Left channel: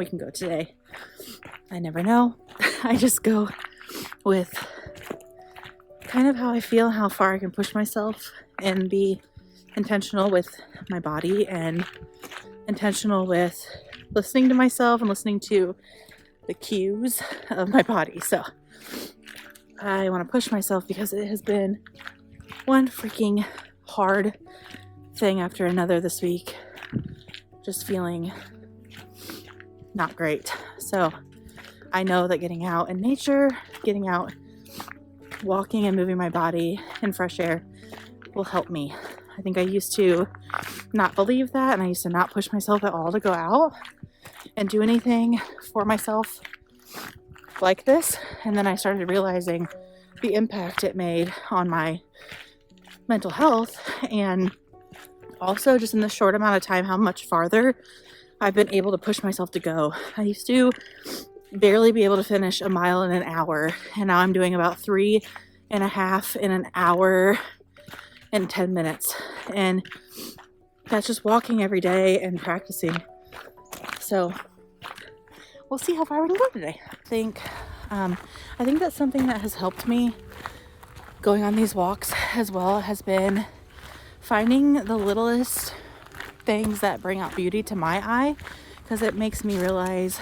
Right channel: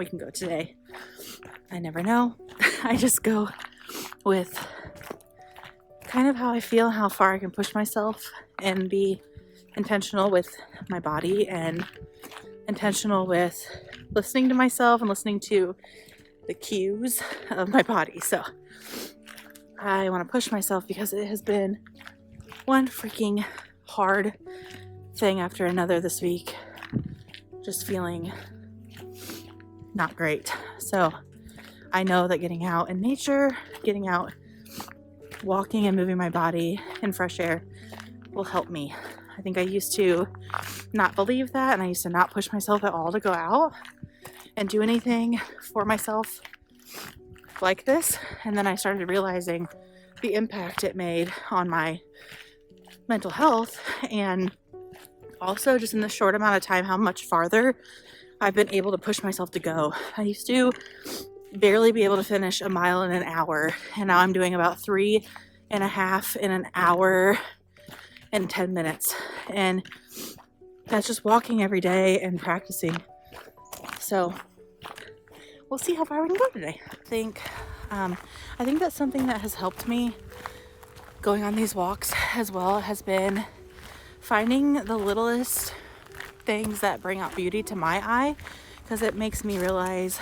we can go today. I never know. I just go with kind of how I feel, how far I can push myself, and be intentional with my body and intentional with listening to myself and listening to the cues of my body. So I want to push myself because it has been one freaking hard thing after another this week. Just feeling not great. So I know that getting out in nature, getting out, walking and moving my body in fresh air will help me. I think I used to not believe that, and I used to not push myself at all to go out and do anything for myself like this. And then I started realizing the impact it made on my mental health, and also just in the short amount of time how much farther I've been able to push myself to go. I used to barely be able to finish a mile in an hour, and now I'm doing about 3.5 in an hour and 10 minutes, and that's just walking every day and practicing. So we'll see how far we can go today. I think that's something that has helped me going on these walks as well, has been finding the littlest things that bring out beauty to my eye, because it makes me realize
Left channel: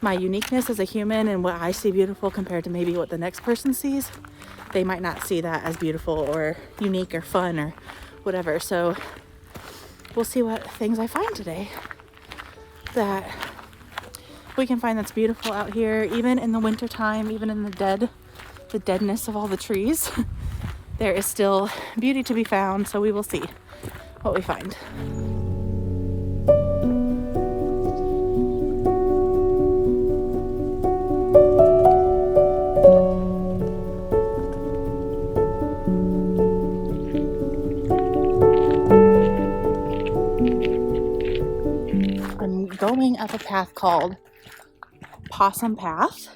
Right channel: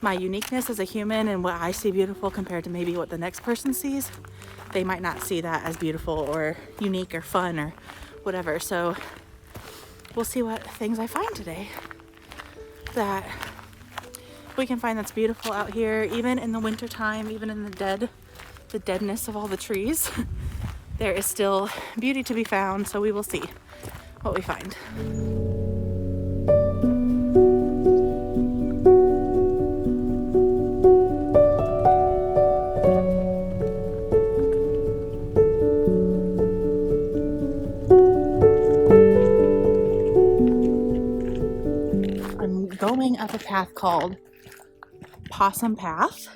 my uniqueness as a human and what I see beautiful compared to maybe what the next person sees. They might not see that as beautiful or unique or fun or whatever. So we'll see what things I find today that we can find that's beautiful out here, even in the winter time, even in the deadness of all the trees. There is still beauty to be found, so we will see what we find. I'm going up a path called Possum Path.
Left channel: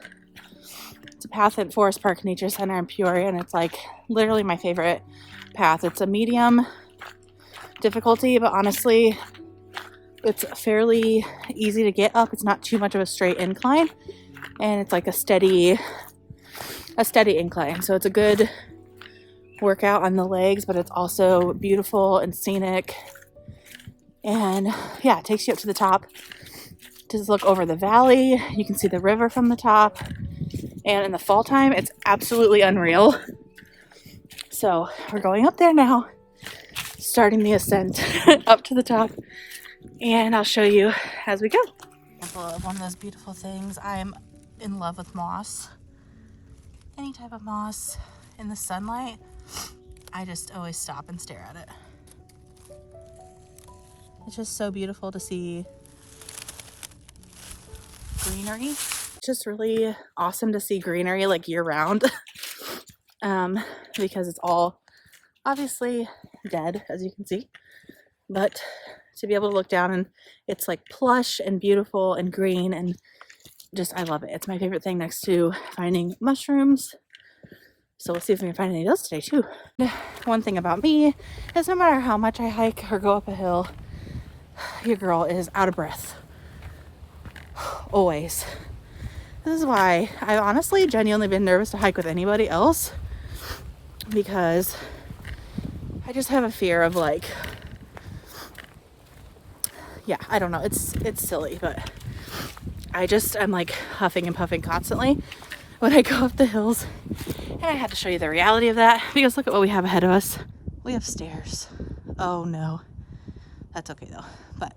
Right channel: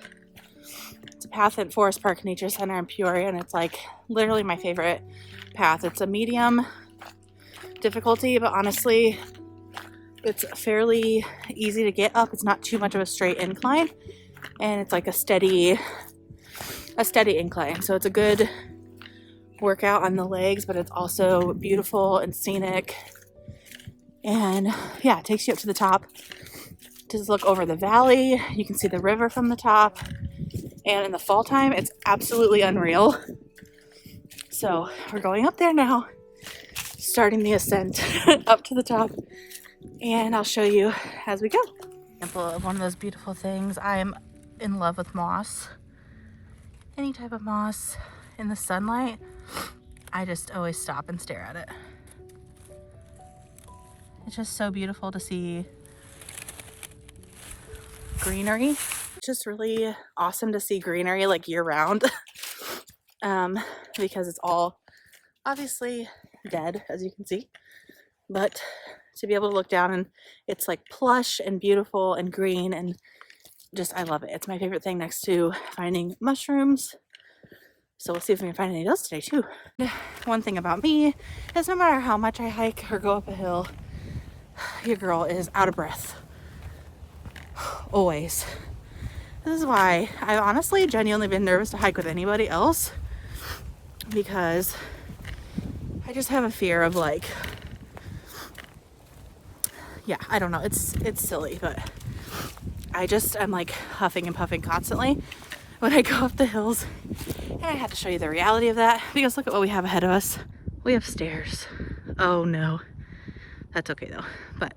It's a path at Forest Park Nature Center in Peoria, and it's like literally my favorite path. It's a medium difficulty, but honestly, it's fairly easy to get up. It's not too much of a straight incline, and it's like a steady incline. So it's a good workout on the legs, but it's also beautiful and scenic. And yeah, it takes you up to the top. Just look over the valley. You can see the river from the top. And in the fall time, it's absolutely unreal. So we're going up there now, starting the ascent up to the top. And I'll show you as we go. Example of one of those beautiful things. I'm in love with moss. Any type of moss in the sunlight, I just always stop and stare at it. It's just so beautiful to see greenery. It's just really awesome to see greenery like year round. Because it's all obviously dead, as you can see, but to be able to look down and it's like plush and beautiful and green, and just I love it. It's my favorite thing next to finding mushrooms. So we'll see if we can find any of those today too. One thing about me is no matter how much I hike or go up a hill, your girl is out of breath. Always. This is why I've honestly genuinely been nervous to hike with anybody else, because I just have a fear of like, yeah, I don't know, it's silly, but I'm like huffing and puffing constantly when I go up the hills. And I have to show you the reality of that, because look at what we have ahead of us. We have stairs. Oh no, that's okay though, but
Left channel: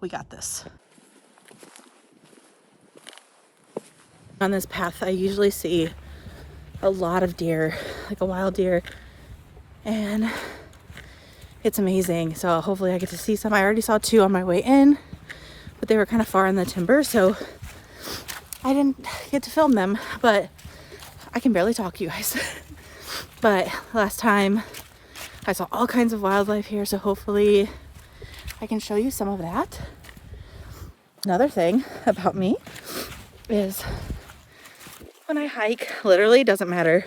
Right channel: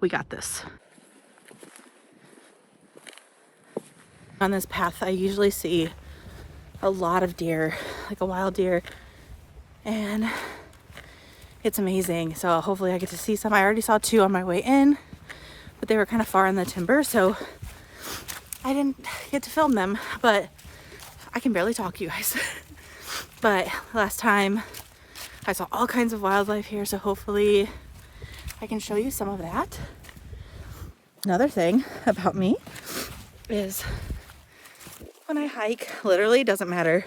we got this. On this path, I usually see a lot of deer, like a wild deer, and it's amazing. So hopefully I get to see some. I already saw 2 on my way in, but they were kind of far in the timber, so I didn't get to film them, but I can barely talk, you guys. But last time I saw all kinds of wildlife here, so hopefully I can show you some of that. Another thing about me is when I hike, literally doesn't matter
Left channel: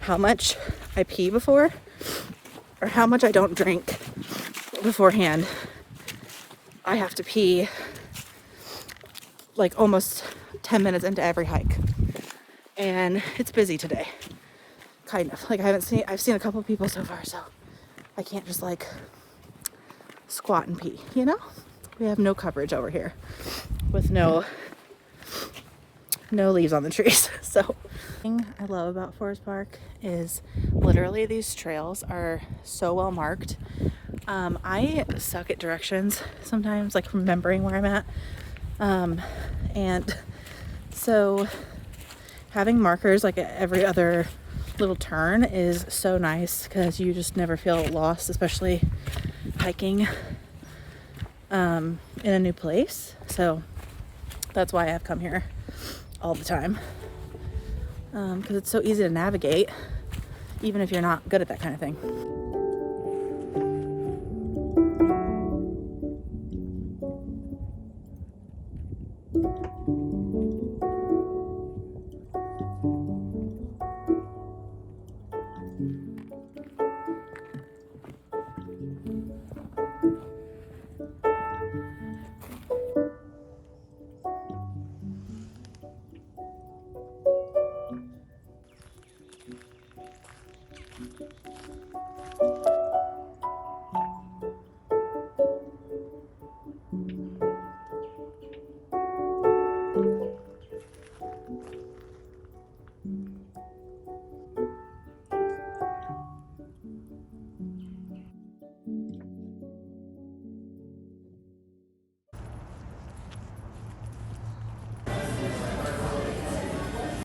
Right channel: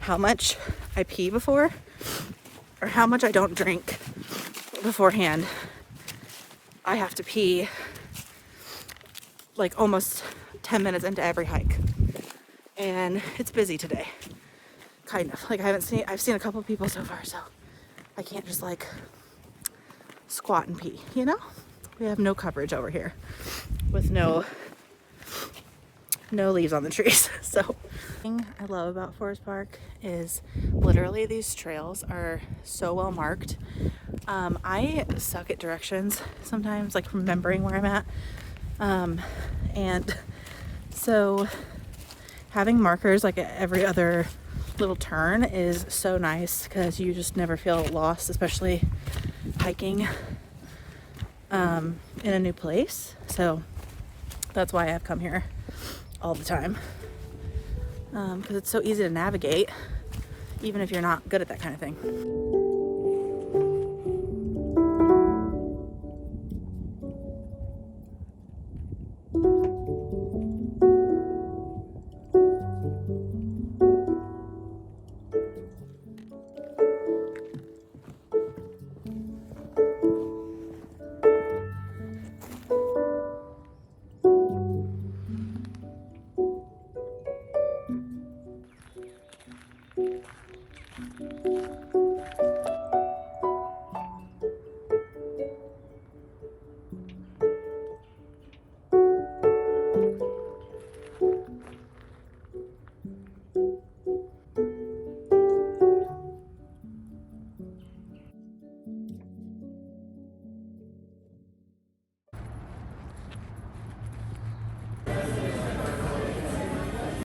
how much I pee before or how much I don't drink beforehand. I have to pee like almost 10 minutes into every hike. And it's busy today. Kind of. Like I've seen a couple of people so far, so I can't just like squat and pee, you know? We have no coverage over here with no leaves on the trees. So the thing I love about Forest Park is literally these trails are so well marked. I suck at directions sometimes, like remembering where I'm at. And so having markers like at every other little turn is so nice because you just never feel lost, especially hiking in a new place. So that's why I've come here all the time, because it's so easy to navigate even if you're not good at that kind of thing.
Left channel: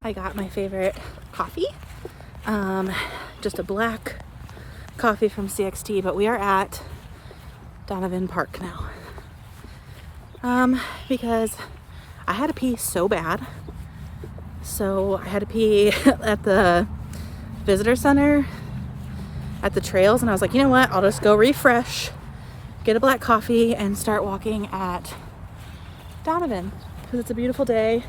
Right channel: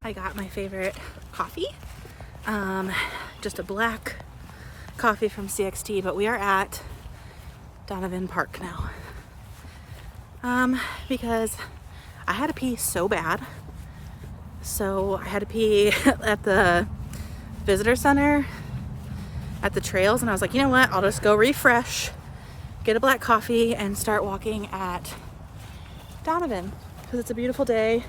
I got my favorite coffee, just a black coffee from CXT, but we are at Donovan Park now, because I had to pee so bad. So I had to pee at the visitor center, at the trails, and I was like, you know what, I'll just go refresh, get a black coffee, and start walking at Donovan, because it's a beautiful day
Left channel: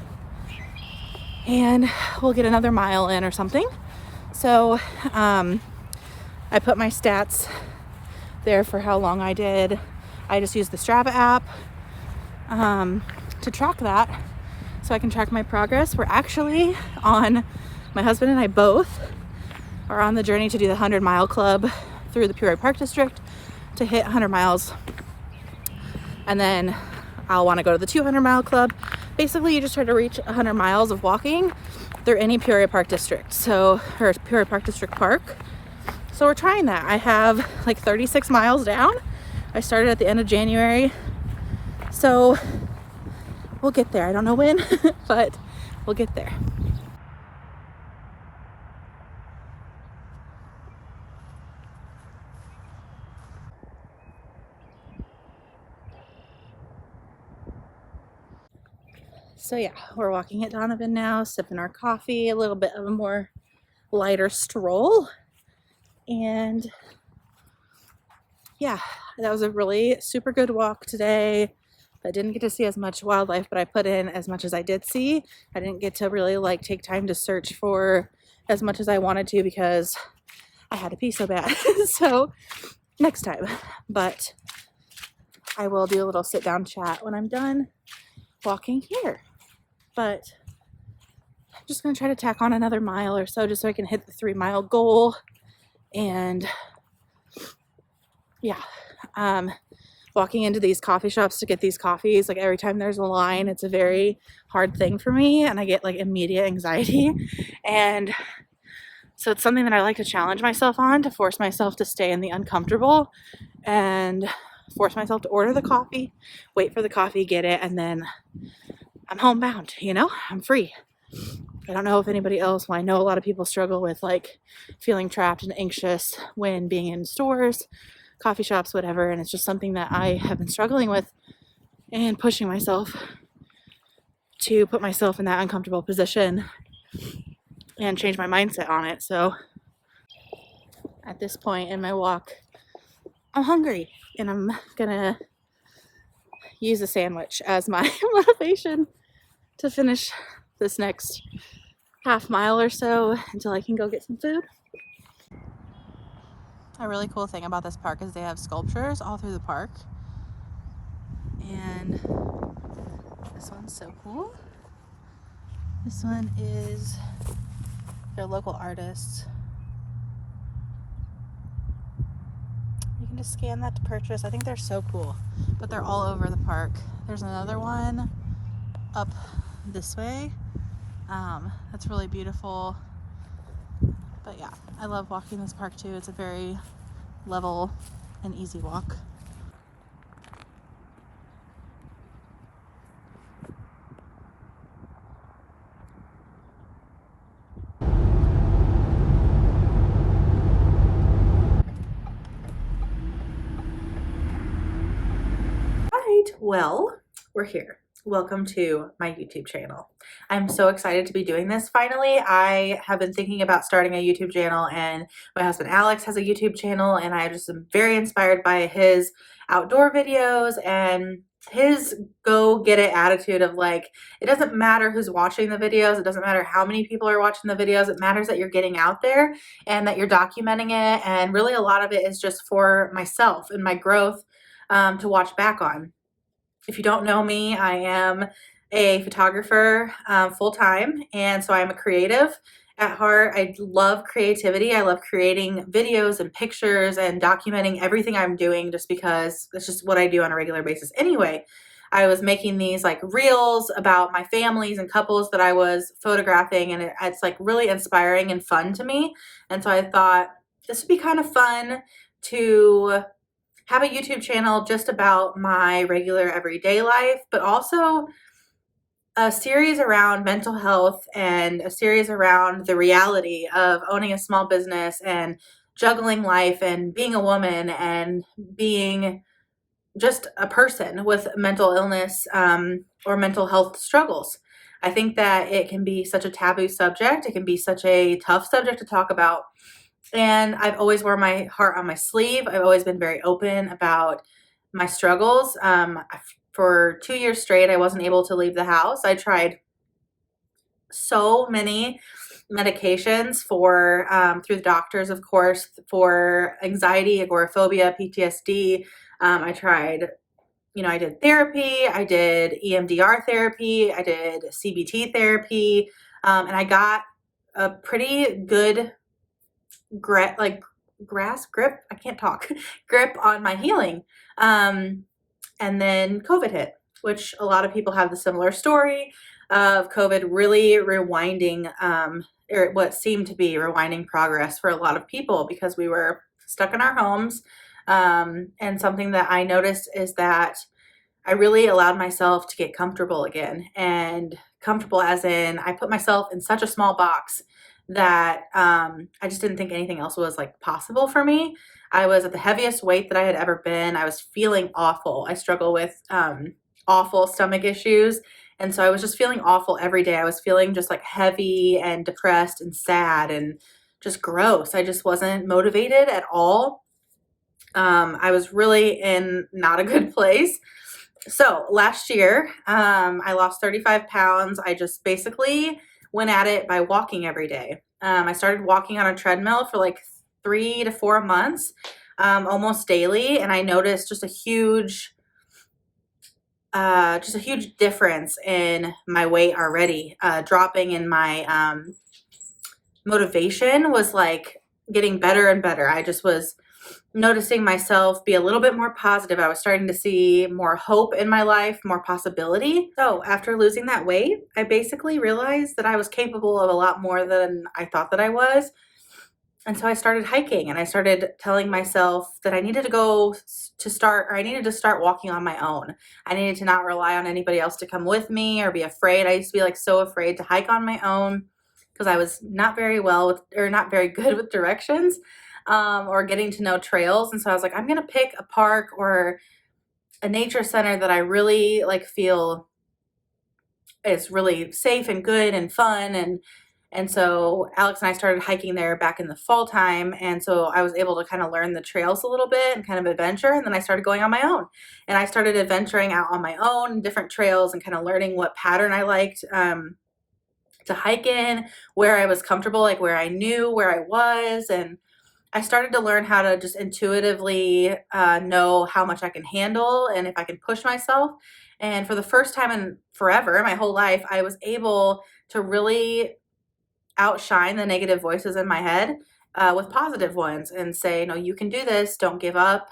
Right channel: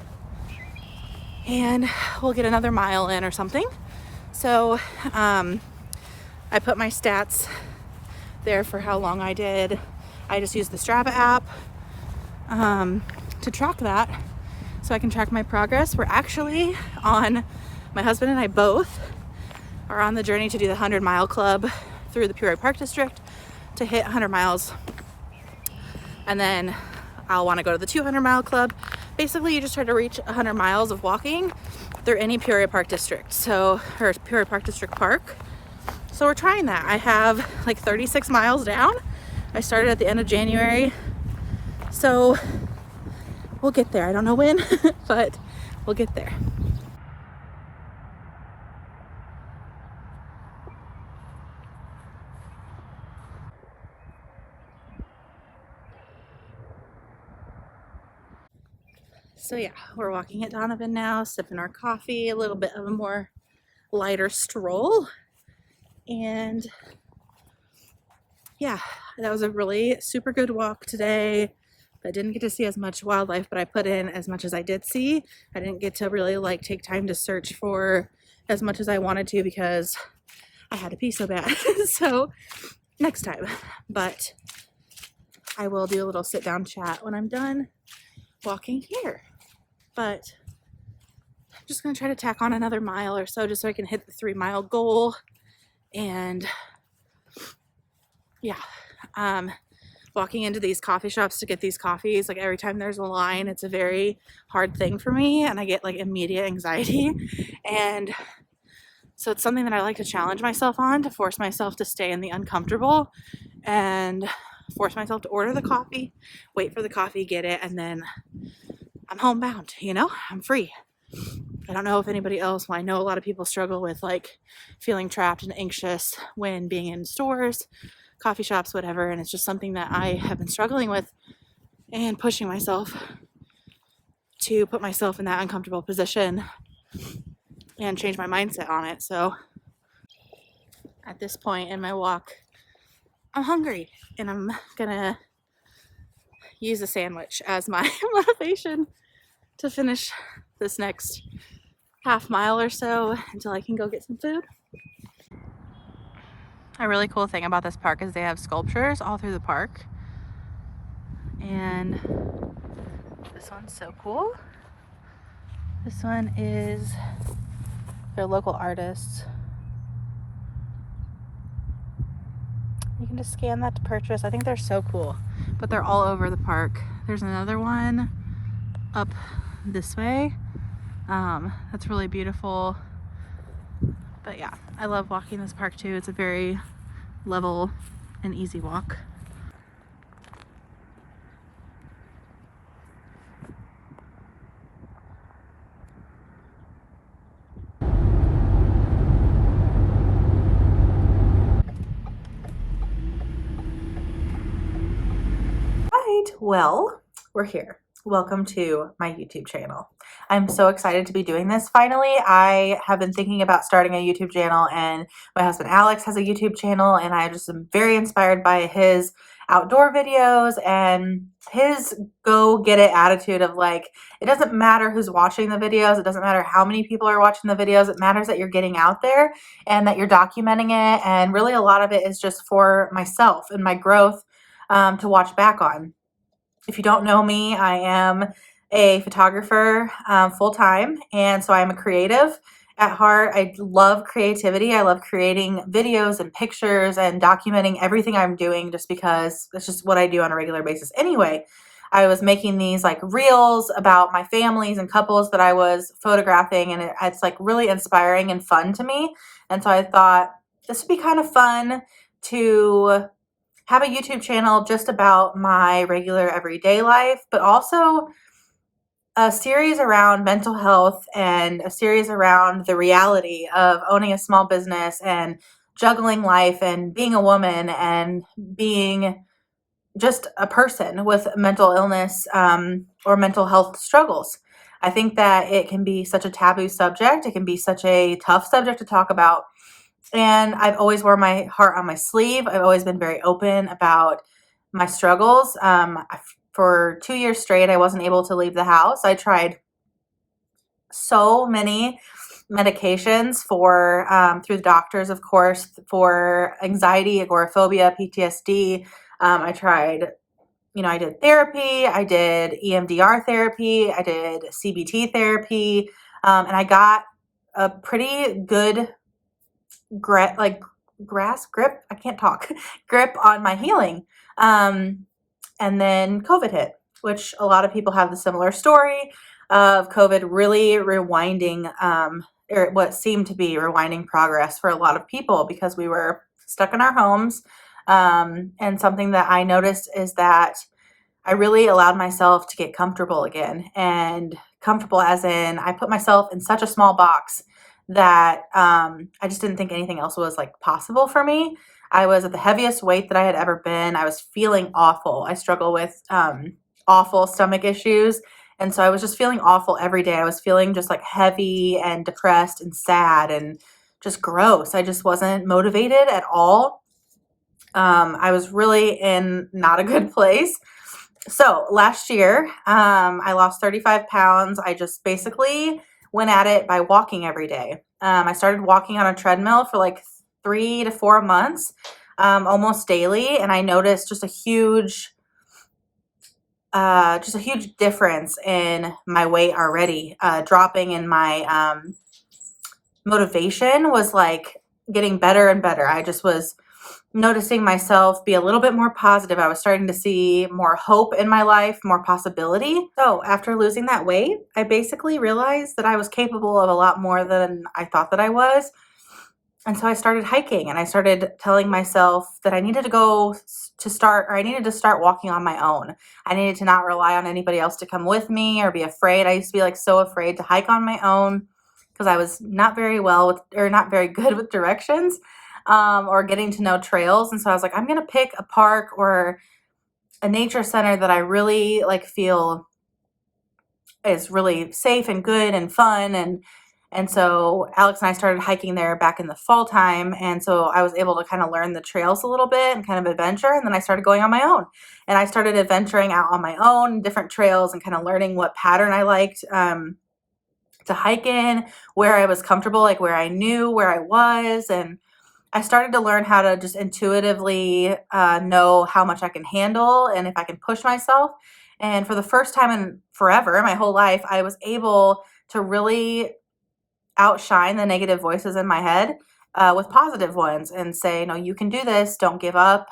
and we'll get another mile in or something. So I put my stats there for how long I did. I just used the Strava app to track that so I can track my progress. We're actually on, my husband and I both are on the journey to do the 100-mile club through the Peoria Park District to hit 100 miles. And then I'll want to go to the 200-mile club. Basically, you just try to reach 100 miles of walking through any Peoria Park District. So, or Peoria Park District Park. So we're trying that. I have like 36 miles down. I started at the end of January. So we'll get there. I don't know when, but we'll get there. So yeah, we're walking at Donovan now, sipping our coffee, a little bit of a more lighter stroll. And yeah, that was a really super good walk today. I didn't get to see as much wildlife, but I put in as much as I did see. I didn't get to really like take time to search for as much as I wanted to because I had to pee so bad. So next time, but I will do a little sit down chat when I'm done walking here. But I'm just gonna try to tack on another mile or so just so I can hit the 3-mile goal. And yeah, walking into these coffee shops to get these coffees, like every time there's a line, it's a very hard thing for me and I get like immediate anxiety. And so it's something that I like to challenge myself on, to force myself to stay in the uncomfortable and force myself to order the coffee, wait for the coffee, get it, and then I'm homebound, you know, I'm free. I don't know if anybody else, well, I know a lot of people struggle with like feeling trapped and anxious when being in stores, coffee shops, whatever. And it's just something that I have been struggling with and pushing myself to put myself in that uncomfortable position and change my mindset on it. So at this point in my walk, I'm hungry and I'm gonna use a sandwich as my motivation to finish this next half mile or so until I can go get some food. A really cool thing about this park is they have sculptures all through the park, and This one's so cool. This one is their local artists. You can just scan that to purchase. I think they're so cool, but they're all over the park. There's another one up this way. That's really beautiful. But yeah, I love walking this park too. It's a very level and easy walk. Well, we're here. Welcome to my YouTube channel. I'm so excited to be doing this finally. I have been thinking about starting a YouTube channel, and my husband Alex has a YouTube channel, and I just am very inspired by his outdoor videos and his go get it attitude of like, it doesn't matter who's watching the videos, it doesn't matter how many people are watching the videos, it matters that you're getting out there and that you're documenting it, and really a lot of it is just for myself and my growth to watch back on. If you don't know me, I am a photographer full-time, and so I'm a creative at heart. I love creativity. I love creating videos and pictures and documenting everything I'm doing just because that's just what I do on a regular basis anyway. I was making these like reels about my families and couples that I was photographing, and it's like really inspiring and fun to me. And so I thought this would be kind of fun to have a YouTube channel just about my regular everyday life, but also a series around mental health and a series around the reality of owning a small business and juggling life and being a woman and being just a person with mental illness or mental health struggles. I think that it can be such a taboo subject. It can be such a tough subject to talk about. And I've always worn my heart on my sleeve. I've always been very open about my struggles. For 2 years straight, I wasn't able to leave the house. I tried so many medications for through the doctors, of course, for anxiety, agoraphobia, PTSD. I tried, I did therapy, I did EMDR therapy, I did CBT therapy, and I got a pretty good grip on my healing. And then COVID hit, which a lot of people have the similar story of COVID really rewinding, or what seemed to be rewinding progress for a lot of people because we were stuck in our homes. And something that I noticed is that I really allowed myself to get comfortable again, and comfortable as in I put myself in such a small box that I just didn't think anything else was like possible for me. I was at the heaviest weight that I had ever been. I was feeling awful. I struggle with awful stomach issues. And so I was just feeling awful every day. I was feeling just like heavy and depressed and sad and just gross. I just wasn't motivated at all. I was really in not a good place. So last year, I lost 35 pounds. I just basically went at it by walking every day. I started walking on a treadmill for like 3 to 4 months, almost daily. And I noticed just a huge difference in my weight already, dropping, in my motivation was like getting better and better. I just was noticing myself be a little bit more positive. I was starting to see more hope in my life, more possibility. So after losing that weight, I basically realized that I was capable of a lot more than I thought that I was. And so I started hiking, and I started telling myself that I needed to start walking on my own. I needed to not rely on anybody else to come with me or be afraid. I used to be like so afraid to hike on my own because I was not very good with directions. Or getting to know trails. And so I was like, I'm going to pick a park or a nature center that I really like feel is really safe and good and fun. And so Alex and I started hiking there back in the fall time. And so I was able to kind of learn the trails a little bit and kind of adventure. And then I started going on my own, and I started adventuring out on my own, different trails, and kind of learning what pattern I liked, to hike in, where I was comfortable, like where I knew where I was. And I started to learn how to just intuitively know how much I can handle and if I can push myself. And for the first time in forever, my whole life, I was able to really outshine the negative voices in my head with positive ones and say, no, you can do this. Don't give up.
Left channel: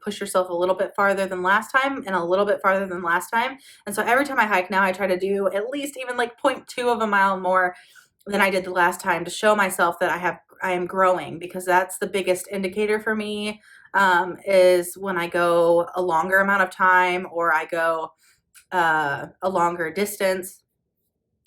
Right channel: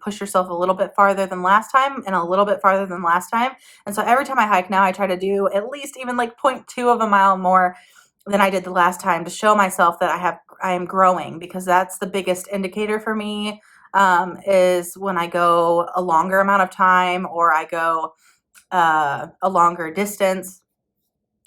Push yourself a little bit farther than last time and a little bit farther than last time. And so every time I hike now, I try to do at least even like 0.2 of a mile more than I did the last time to show myself that I am growing, because that's the biggest indicator for me, is when I go a longer amount of time or I go a longer distance.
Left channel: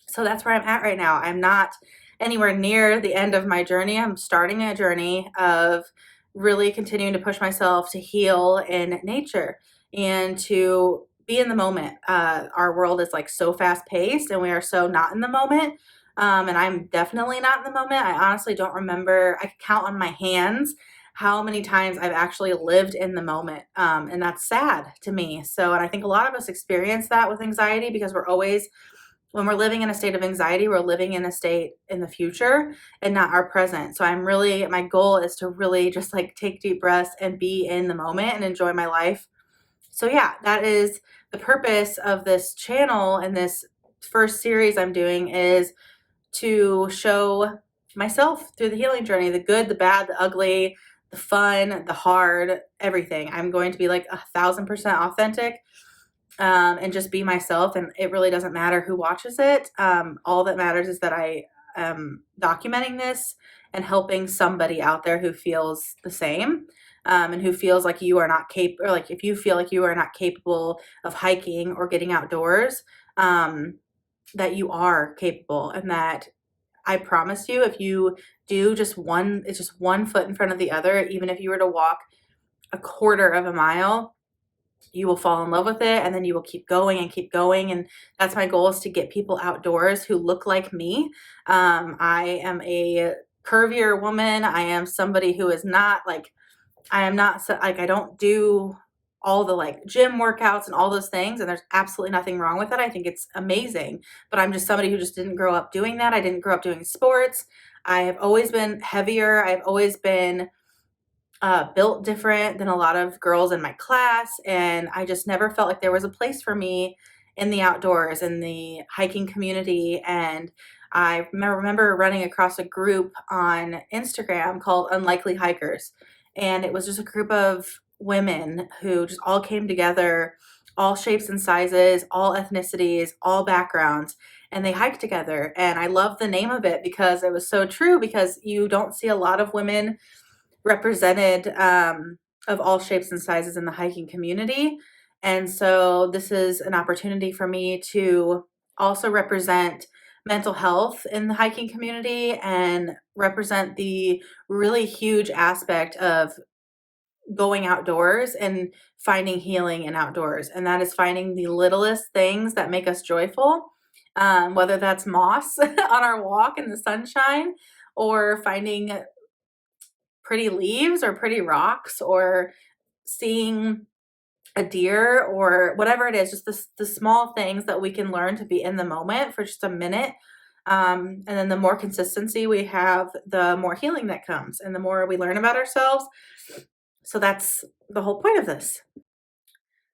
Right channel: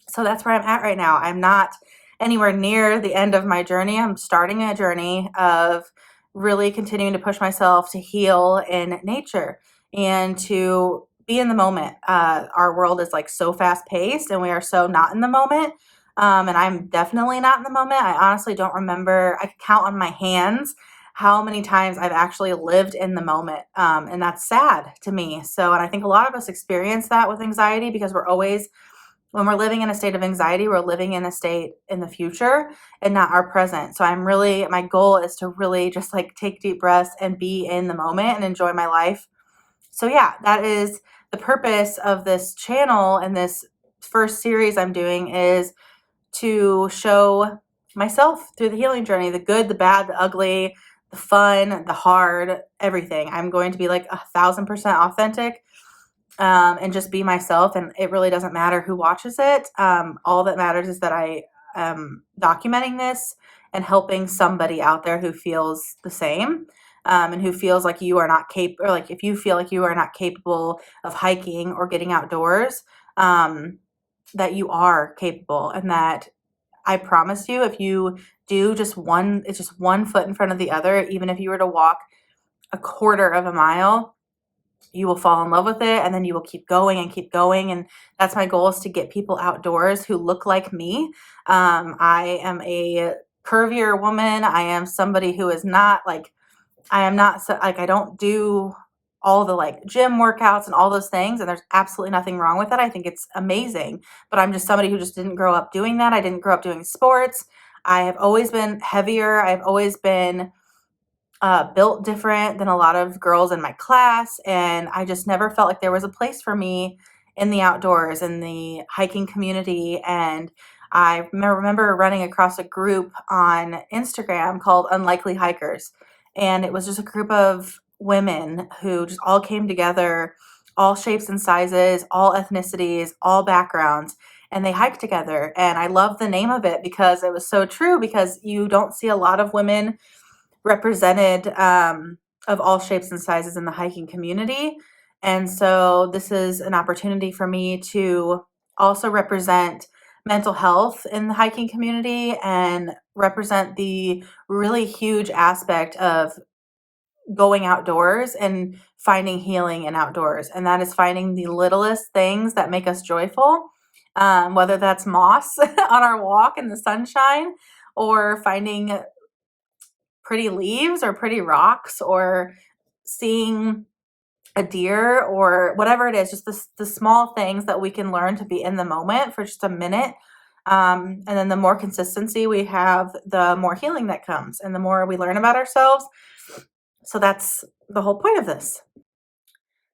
So that's where I'm at right now. I'm not anywhere near the end of my journey. I'm starting a journey of really continuing to push myself to heal in nature and to be in the moment. Our world is like so fast paced and we are so not in the moment. And I'm definitely not in the moment. I honestly don't remember. I could count on my hands how many times I've actually lived in the moment. And that's sad to me. So, and I think a lot of us experience that with anxiety because when we're living in a state of anxiety, we're living in a state in the future and not our present. So my goal is to really just like take deep breaths and be in the moment and enjoy my life. So yeah, that is the purpose of this channel, and this first series I'm doing is to show myself through the healing journey, the good, the bad, the ugly, the fun, the hard, everything. I'm going to be like 1,000% authentic, and just be myself. And it really doesn't matter who watches it. All that matters is that I am documenting this and helping somebody out there who feels the same, and who feels like you are not capable, or like if you feel like you are not capable of hiking or getting outdoors, that you are capable, and that I promise you, if you do it's just one foot in front of the other, even if you were to walk a quarter of a mile, you will fall in love with it, and then you will keep going and keep going. And that's my goal, is to get people outdoors who look like me. I am a curvier woman. I am somebody who is not like, I am not like, I don't do all the like gym workouts and all those things. And there's absolutely nothing wrong with it. I think it's amazing, but I'm just somebody who just didn't grow up doing that. I didn't grow up doing sports. I have always been heavier. I've always been built different than a lot of girls in my class. And I just never felt like there was a place for me in the outdoors, in the hiking community. And I remember running across a group on Instagram called Unlikely Hikers. And it was just a group of women who just all came together, all shapes and sizes, all ethnicities, all backgrounds. And they hiked together. And I love the name of it because it was so true, because you don't see a lot of women represented, of all shapes and sizes in the hiking community. And so this is an opportunity for me to also represent mental health in the hiking community and represent the really huge aspect of going outdoors and finding healing in outdoors. And that is finding the littlest things that make us joyful, whether that's moss on our walk in the sunshine, or finding pretty leaves or pretty rocks, or seeing a deer, or whatever it is, just the small things that we can learn to be in the moment for just a minute. And then the more consistency we have, the more healing that comes and the more we learn about ourselves. So that's the whole point of this.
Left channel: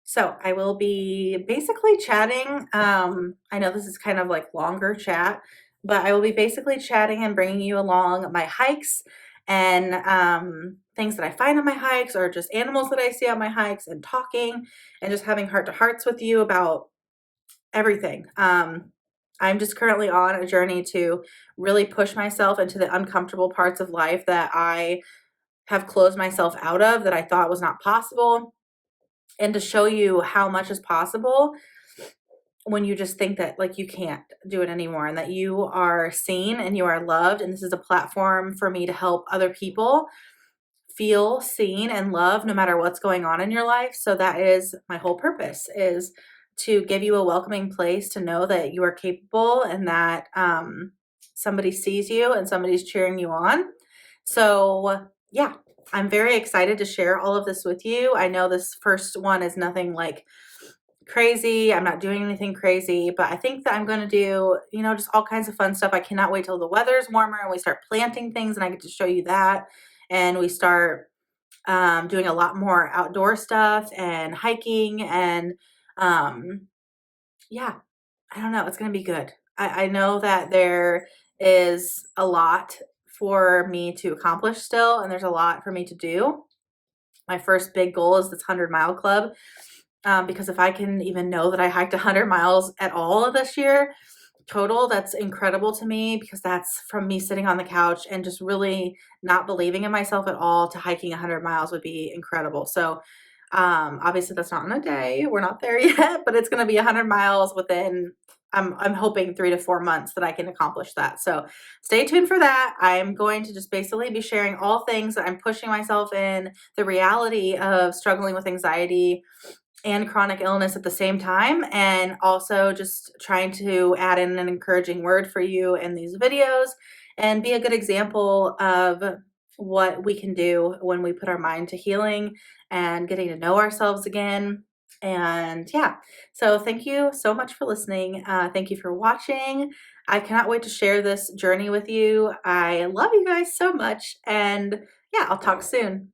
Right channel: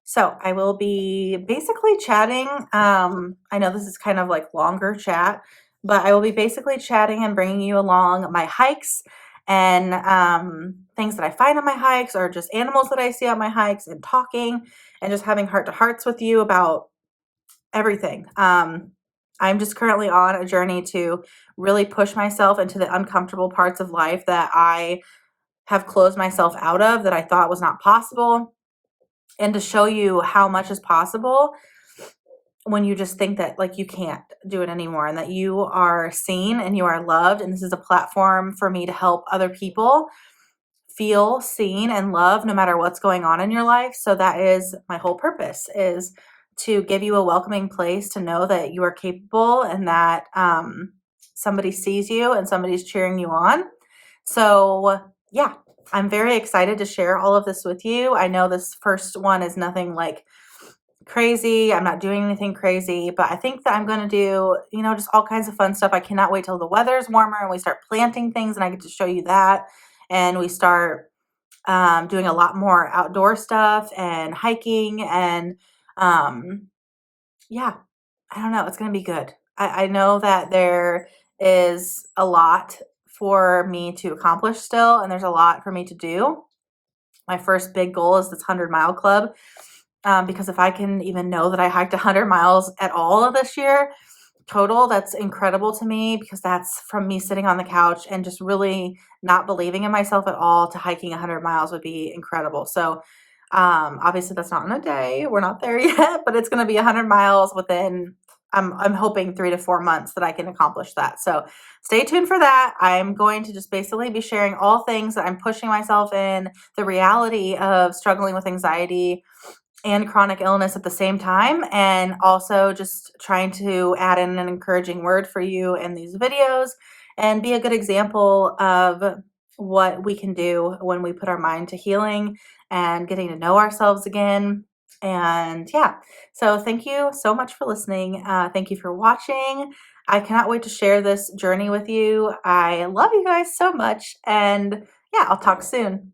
So I will be basically chatting. I know this is kind of like longer chat, but I will be basically chatting and bringing you along my hikes and things that I find on my hikes, or just animals that I see on my hikes, and talking and just having heart to hearts with you about everything. I'm just currently on a journey to really push myself into the uncomfortable parts of life that I have closed myself out of, that I thought was not possible, and to show you how much is possible when you just think that like you can't do it anymore, and that you are seen and you are loved. And this is a platform for me to help other people feel seen and loved no matter what's going on in your life. So that is my whole purpose, is to give you a welcoming place to know that you are capable, and that somebody sees you and somebody's cheering you on. So yeah, I'm very excited to share all of this with you. I know this first one is nothing like crazy. I'm not doing anything crazy, but I think that I'm going to do, just all kinds of fun stuff. I cannot wait till the weather's warmer and we start planting things and I get to show you that. And we start doing a lot more outdoor stuff and hiking, and yeah, I don't know. It's going to be good. I know that there is a lot for me to accomplish still, and there's a lot for me to do. My first big goal is this 100-mile club. Because if I can even know that I hiked 100 miles at all this year total, that's incredible to me because that's from me sitting on the couch and just really not believing in myself at all to hiking 100 miles would be incredible. So, obviously that's not in a day. We're not there yet, but it's going to be 100 miles within I'm hoping 3 to 4 months that I can accomplish that. So, stay tuned for that. I'm going to just basically be sharing all things that I'm pushing myself in, the reality of struggling with anxiety and chronic illness at the same time, and also just trying to add in an encouraging word for you in these videos and be a good example of what we can do when we put our mind to healing and getting to know ourselves again. And yeah, so thank you so much for listening. Thank you for watching. I cannot wait to share this journey with you. I love you guys so much. And yeah, I'll talk soon.